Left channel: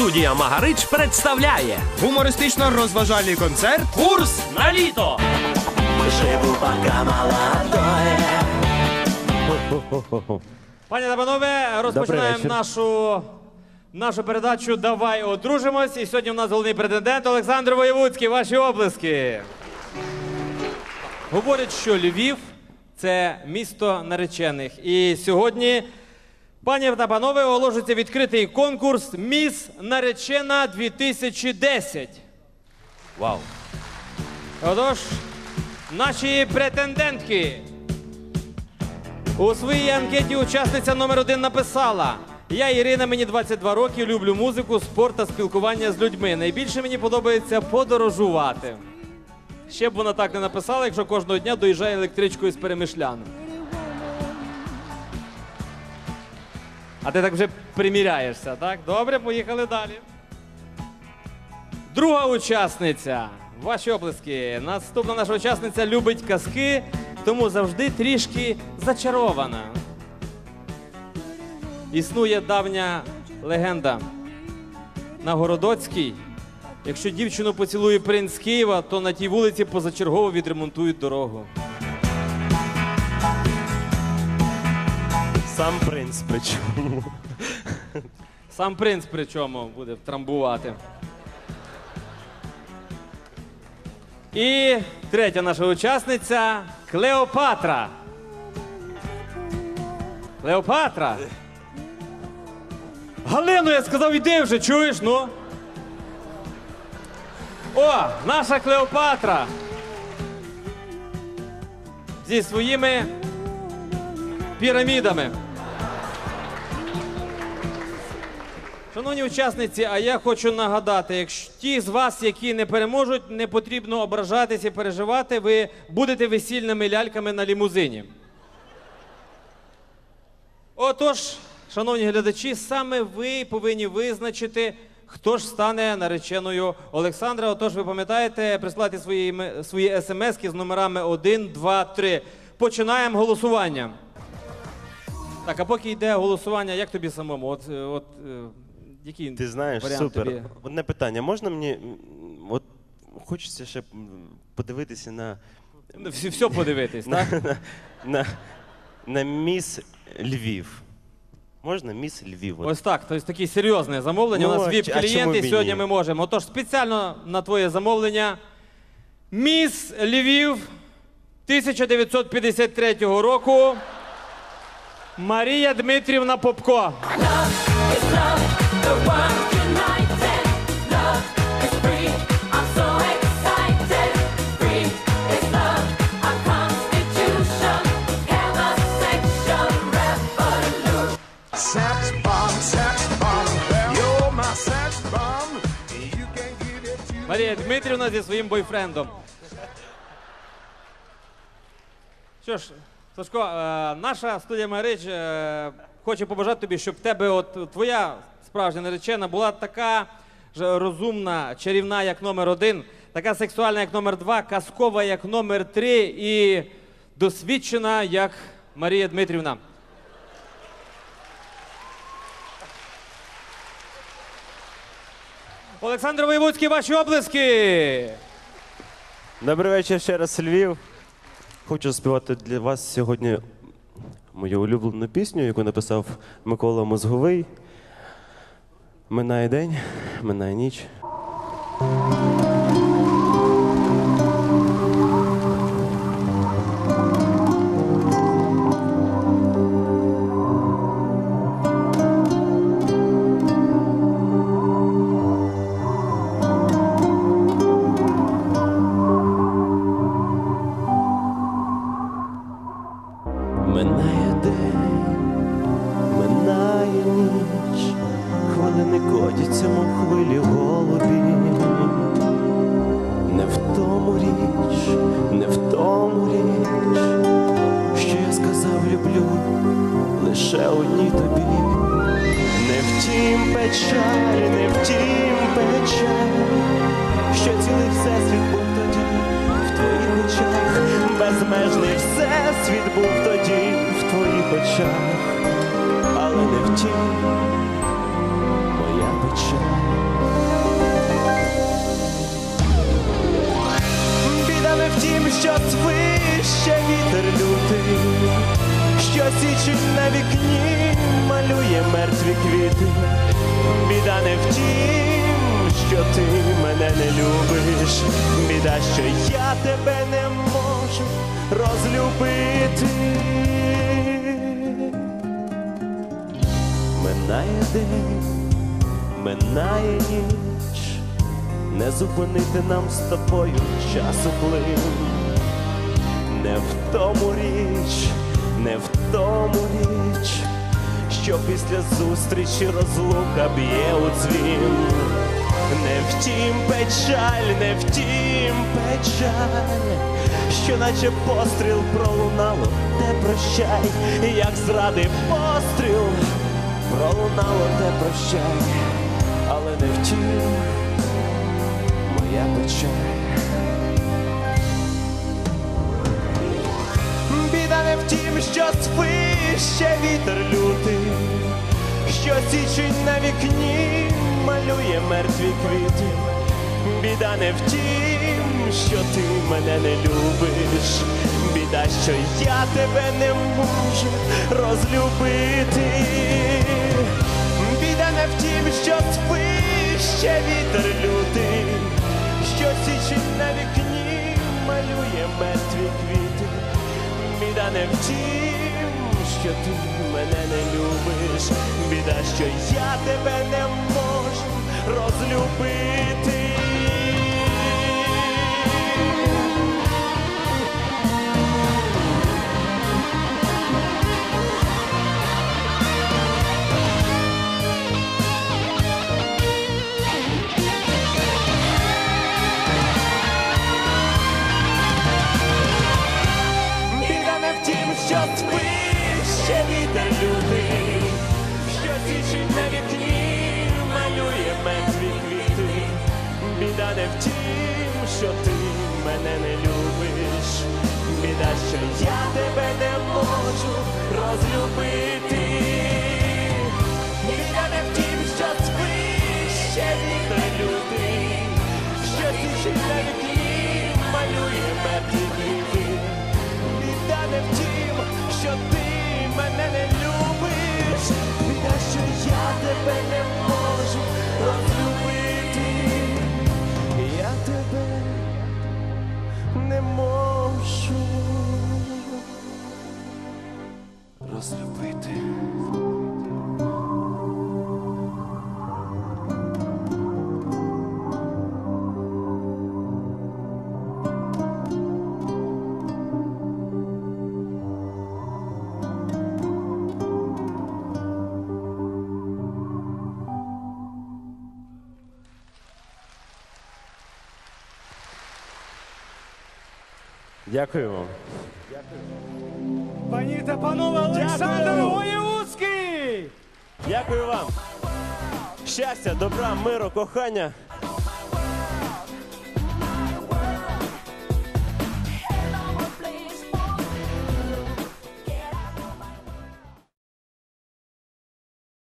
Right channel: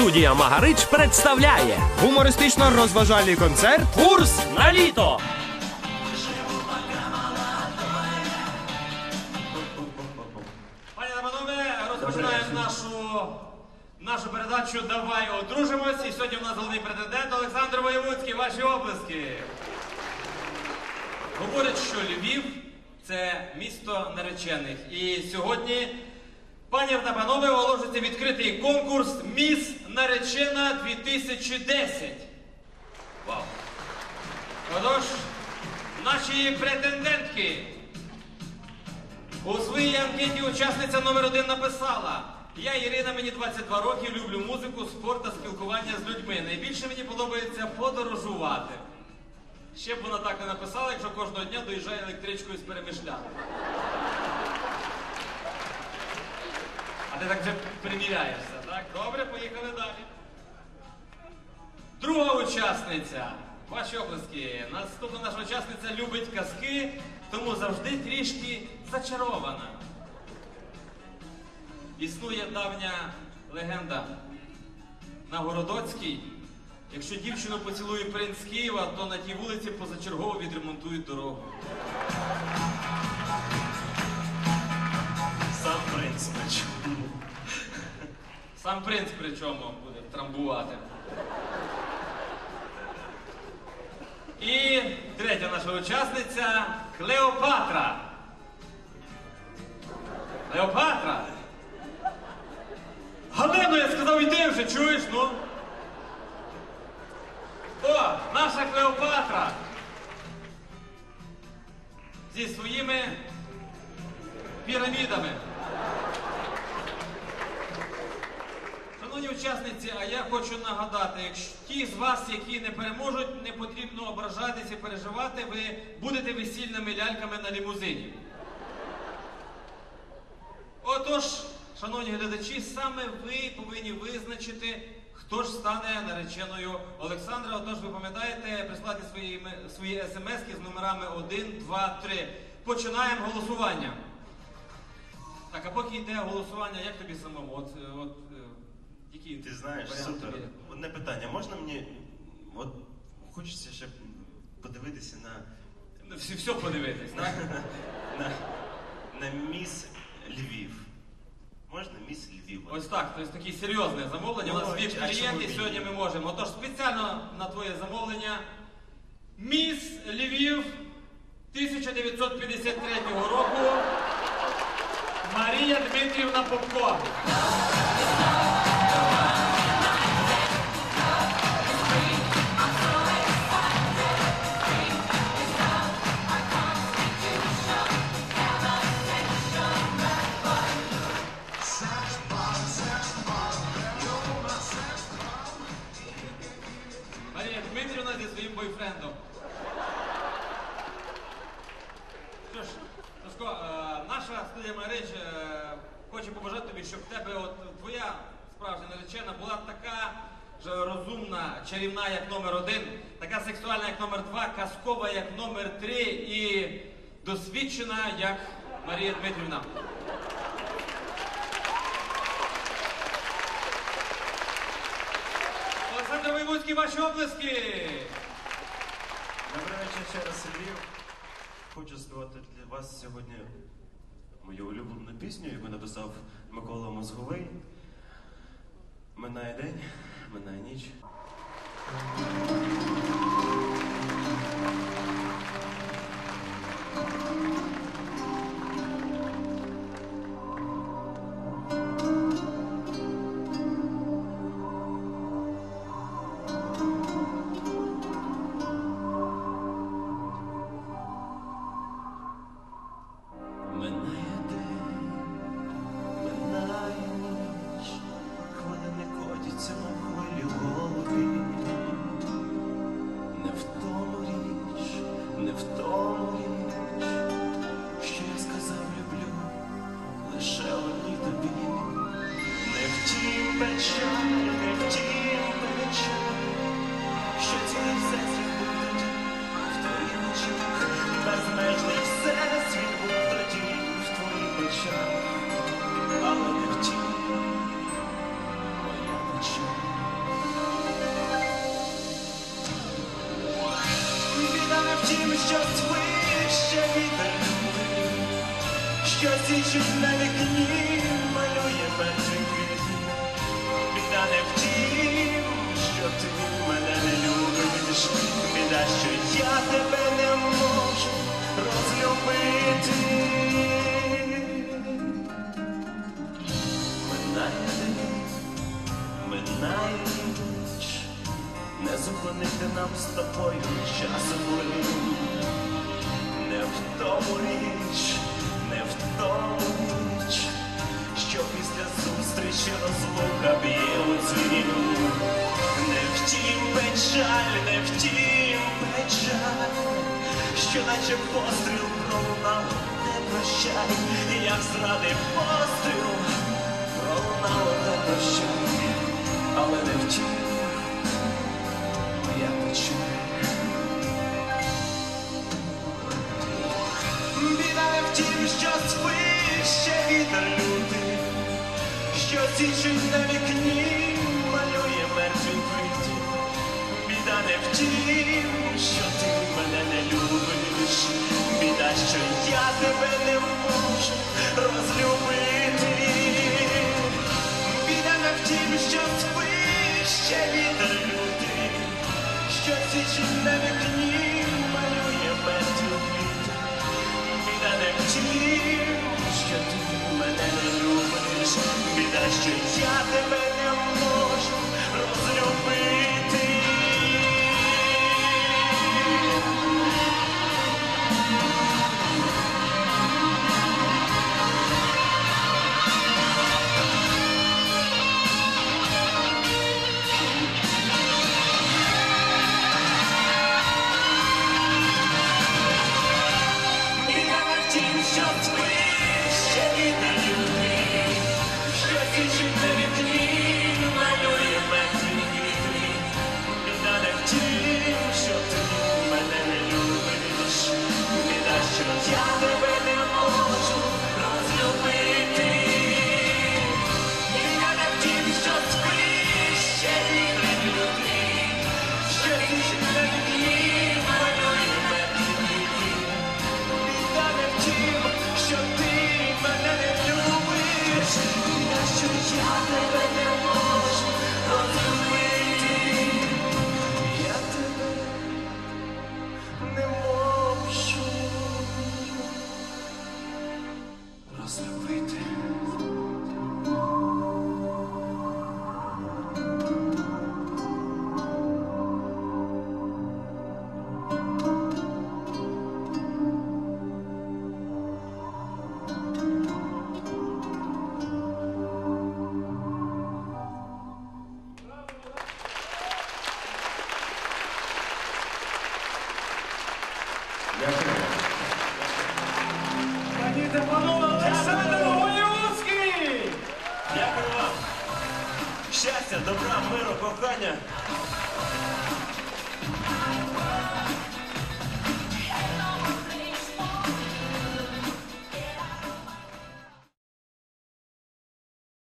Студія Магарич представляє Гумористично-розважальний концерт курс на літо. Пані та панове, розпочинаємо нашу, нашу передачу Давай одружимось. І сьогодні в нас головний претендент Олександр Воєвудський. Ваші облиски. Говорять, що Львів це місто наречених. І сьогодні, пані та панове, оголошується відкритий конкурс Міс Наречена 2010. Вау. Отож, наші претендентки. У своїй анкеті учасниця номер один написала: Я Ірина, мені 22 роки, люблю музику, спорт та спілкування з людьми. Найбільше мені подобається подорожувати. Ще б вона так не написала, якщо кожного дня доїжджає електричкою з перемишлями. А ти так вже приміряєшся, так? Добре, поїхали далі. Друга учасниця. Ваші оплески. Наступна наша учасниця любить казки, тому завжди трішки зачарована. Існує давня легенда. На Городоцькій, якщо дівчину поцілує принц Києва, то на тій вулиці позачергово відремонтують дорогу. Сам принц. Сам принц причому буде трамбувати. І третя наша учасниця Клеопатра. Клеопатра. Галину, я сказав, іди вже, чуєш, ну? О, наша Клеопатра. Зі своїми пірамідами. Шановні учасниці, а я хочу нагадати, якщо ті з вас, які не переможуть, не потрібно ображатися і переживати, ви будете весільними ляльками на лімузині. Отож, шановні глядачі, саме ви повинні визначити, хто ж стане нареченою Олександра. Отож, ви пам'ятаєте, прислати свої, свої смски з номерами 1, 2, 3. Починаємо голосування. Так, а поки йде голосування, як тобі самому? От, е, от, який Ти знаєш, супер. тобі? Одне питання, можна мені. От хочеться ще подивитися на, Всі- Все подивитись, так? на, на міс Львів. Можна міс Львів? Ось так, тобто такі серйозне замовлення. Ну, У нас а віп чому б клієнти, і сьогодні ні? ми можемо. Отож, спеціально на твоє замовлення. Міс Львів 1953 року. Марія Дмитрівна Попко. Марія Дмитрівна зі своїм бойфрендом. Що ж, Сашко, е, наша студія Марич е, хоче побажати тобі, щоб в тебе от твоя справжня наречена була така ж розумна, чарівна, як номер один, така сексуальна, як номер два, казкова, як номер три і досвідчена, як Марія Дмитрівна. Олександр Воєвудський, ваші облиски! Добрий вечір ще раз, Львів. Хочу співати для вас сьогодні мою улюблену пісню, яку написав Микола Мозговий. Минає день, минає ніч. день, минає ніч, хвилини котяться, мов хвилі голубі, не в тому річ, не в тому річ, що я сказав, люблю лише одній тобі, не в тім печаль. світу, біда не в тім, що ти мене не любиш, біда, що я тебе не можу розлюбити. Минає день, минає ніч, не зупинити нам з тобою часу уплив, не в тому річ, не в тому річ що після зустрічі розлука б'є у дзвін. Не втім печаль, не втім печаль, що наче постріл пролунало, те прощай, як зрадив постріл, пролунало, те прощай. біда не втім, що ти мене не любиш, біда, що я тебе не можу розлюбити, біда не втім, що спиш, ще вітер любить. Yeah, too. щастя, добра, миру, кохання.